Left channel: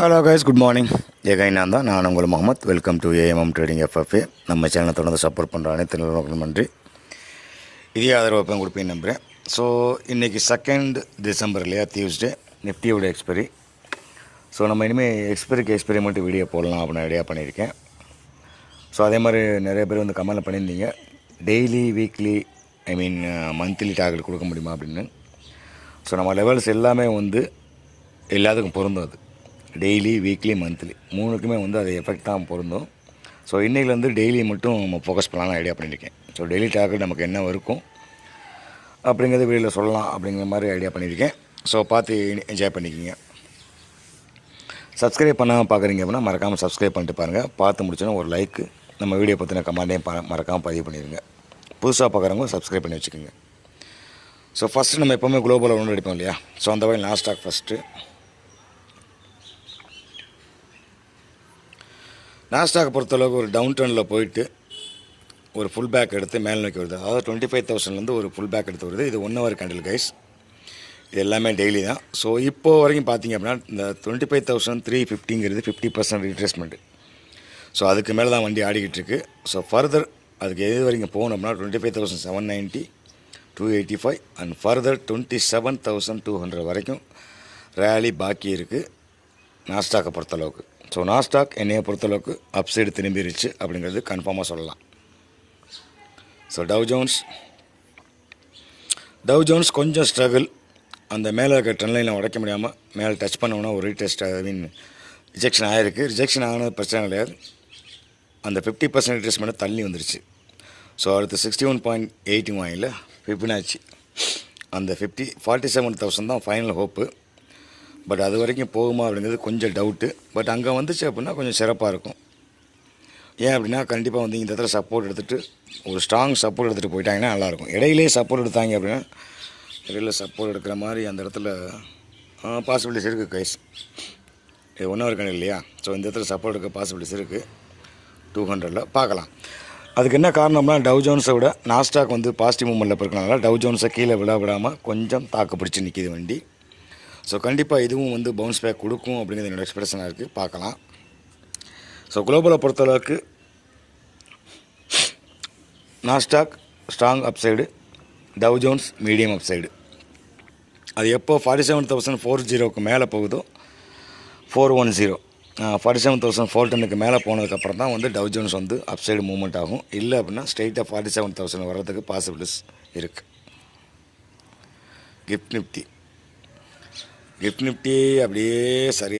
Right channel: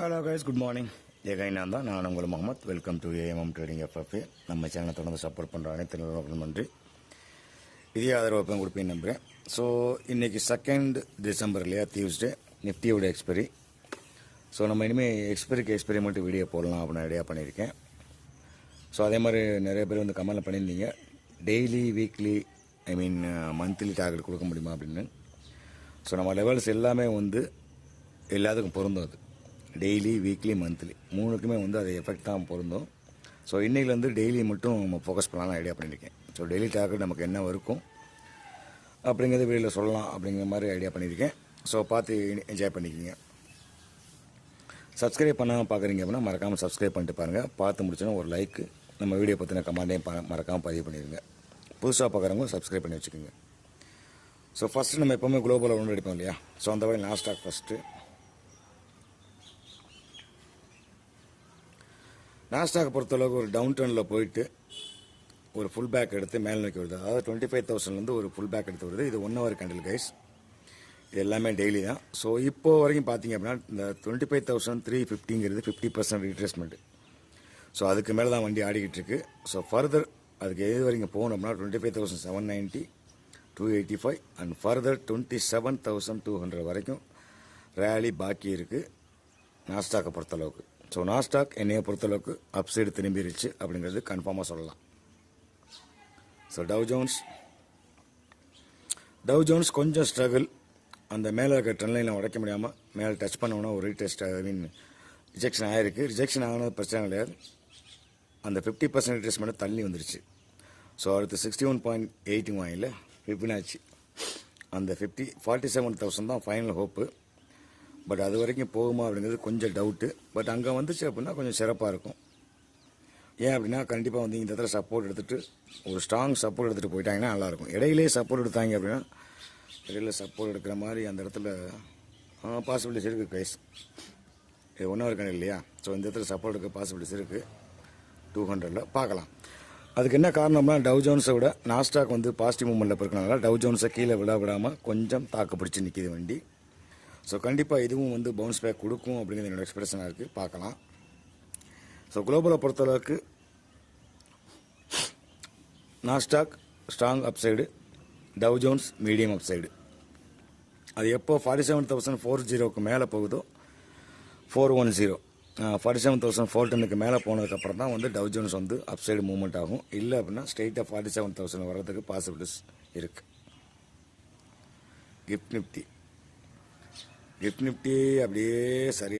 Hello guys good morning ஏகை நான் தான். நான் உங்கள் Muhammad. Welcome to AMM trading FFA நம்ம சேனலை தொடர்ந்து சப்போர்ட் பண்ணுற அனைத்து நிறுவனங்களும் நன்றி. இதே ஆதரவு கொடுப்பேன் நம்புகிறேன் ஸோ இன்றைக்கி செகண்ட் டிசம்பர் இல்லையா? டியூஸ்டே நிஃப்டியோட எக்ஸ்பைரி ஸோ நம்ம இனிமேல் எக்ஸ்பைரிக்கு எக்ஸ்பைரி மட்டும் வீடியோ போடலாம் அப்படின்னு ஐடியா பண்ணியிருக்கேன். ஸோ அதே மாதிரி நிறைய பேர் வந்து கமெண்ட் பண்ணியிருந்தீங்க. Daily weekly I mean monthly target கொடுக்க முடியுமா அப்படின்னு. ஸோ நம்ம லெவல்ஸ் எல்லாமே வந்து எல்லாத்துக்கும் பொருந்தும் அது. டெய்லி வீக்லி மந்த்லி மூணுக்குமே வந்து அது எஃபெக்ட் தான் பொருந்தும். ஸோ இன்றைக்கிலேருந்து டெய்லி மட்டும் நம்ம ஃபோக்கஸ் பண்ணலாம்னு ஐடியா பண்ணியிருக்கேன். ஸோ டெய்லி டார்கெட் நமக்கு என்ன இருக்கும்? அப்படிங்கிறத வெளியில் சொல்லலாம் அப்படிங்கிற மாதிரி ஐடியா பண்ணியிருக்கேன். ஸோ பார்த்து என்ஜாய் பண்ணிக்கிங்க. சப்ஸ்கிரைப் பண்ணாமல் பார்க்குறீங்க அப்படின்னா மறக்காமல் சப்ஸ்கிரைப் பண்ணிட்டு பாருங்கள் பார்த்து முடிச்சோன்னா ஒரு லைக்கு நம்ம வீடியோ பற்றின கமெண்டையும் ப மறக்காமல் பதிவு பண்ணிடுங்க. புதுசாக பார்க்குறவங்க சப்ஸ்கிரைப் பண்ணி வச்சுக்கோங்க. ஸோ ஃபஸ்ட்டு நம்ம எப்போவுமே குளோபல் ஒன்று அடிப்போம் இல்லையா? ஸோ அந்த வகையில் நாஸ்டாக் ஃபஸ்ட்டு நாஸ்டாக் பொறுத்தளவுக்கு ஒரு டவுன் டர்னில் போயிட்டு ஒரு ஃபுல் பேக் எடுத்து மேல் நோக்கி வருது. அதாவது டுவெண்ட்டி ஃபைவ் தௌசண்ட்லேருந்து ஒரு ஃபுல் பேக் எடுத்து வருது. இது ஒன் ஹவர் கேண்டில் கைஸ் இது எல்லாமே டெய்லி தான். ஸோ இப்போ வரைக்கும் பார்த்தீங்க அப்படின்னா இந்த டுவெண்ட்டி ஃபைவ் தௌசண்ட் த்ரீ ஃபிஃப்டிங்கிறது ஃபிஃப்டி பர்சன்ட் ரீட்ரேஸ்மெண்ட்டு ஸோ அதுக்கு மேலே தான் வண்டி ஆடிக்கிட்டு இருக்கு. ஸோ ஃபர்தர் அதுக்கு எது வரைக்கும் போகணும் அப்படின்னா twenty five thousand seven ninety two eighty five and further twenty seven thousand two hundred வரைக்கும் ரேலி பாக்கி இருக்குது நாஸ்டாக்கை பொறுத்தளவுக்கு. ஸோ நாஸ்டாக் என்னையை பொறுத்தளவுக்கு அப்சைடு திரும்பிடுச்சு அப்படிங்கிறது கன்ஃபார்மாக சொல்லலாம். So Dow Jones Dow Jones கொஞ்சம் ஸ்ட்ரகிள் அந்த மேலே இருக்க ட்ரெண்ட் உடைக்க முடியாமல் மேலே டச் பண்ணோம்னா ஒரு ரீடெஸ்ட் ஐ மீன் ரிஜெக்ஷன் ஆகிருக்கு ரிஜெக்ஷன் ஆனது பிரச்சனை கிடையாது. அந்த ஃபிஃப்டி பர்சன்ட் ரிட்ரேஸ்மெண்ட்டை தள்ளி வந்துருச்சு. ஸோ அடுத்து சிக்ஸ்டி ஒன் பாயிண்ட் எயிட்டி வாங்கில ஃபிஃப்டினாச்சு அந்த ஃபிஃப்டி ஃபார்ட்டி செவன் தௌசண்ட் தான் ஃபைனல் ஹோப்பு பட் அது வரைக்கும் போகுமா அப்படிங்கிறது கொஞ்சம் டவுட்டு பட் அங்கே வந்துச்சு அப்படின்னா கொஞ்சம் சிறப்பாக இருக்கும். ஏன் அப்படின்னா கண்டிப்பாக வந்து இந்த இடத்துல சப்போர்ட் எடுத்துகிட்டு ஒரு ஸ்ட்ராங் சப்போர்ட் எடுத்துகிட்டு போயிட்டாங்கன்னா நல்லாயிருக்கும் இடையிலேயே சப்போர்ட் எடுத்தாங்க அப்படின்னா இடையில சப்போர்ட் எடுக்கிற மாதிரி அந்த இடத்துல பாசிபிலிட்டிஸ் இருக்குது கைஸ் இது ஒன்றும் இருக்கணும் இல்லையா? ஸோ இந்த இடத்துல சப்போர்ட் எடுக்க பாசிபிலிட்டிஸ் இருக்குது டூ ஹண்ட்ரடில் பார்க்கலாம். அதுக்கு என்ன காரணம்னா டவ் ஜோன்ஸை விட நாஸ்டாக் வந்து பாசிட்டிவ் மூமெண்ட்டில் இருக்கிறனால டவ் ஜோன்ஸை கீழே விழா விடாமல் கொஞ்சம் தாக்கு பிடிச்சி நிற்கிது வண்டி. ஸோ கண்டிப்பாக இதுவும் வந்து பவுன்ஸ் பேக் கொடுக்கும் அப்படிங்கிறது என்னோடய எக்ஸ்பிரஷனாக இருக்குது பார்க்கலாம். ஸோ குளோபலை பொறுத்தளவுக்கு Nasdaq strong upside Dow Jones medium upside அது எப்போ ஃபார்ட்டி செவன் தௌசண்ட் ஃபோர் ஜீரோக்கு மேலே போகுதோ four one zero forty seven thousand four டென்னுக்கு மேலே போனதுக்கப்புறம் தான் வந்து டவ் ஜோன்ஸ் வந்து அப்சைடு மூவ்மெண்ட் ஆகும். இல்லை அப்படின்னா ஸ்ட்ரெயிட்டாக ஃபார்ட்டி செவன் தௌசண்ட் வர்றதுக்கு பாசிபிலிட்டிஸ் இருக்குது கிஃப்ட் நிஃப்டி கிஃப்ட் நிஃப்டி அப்படியே சரி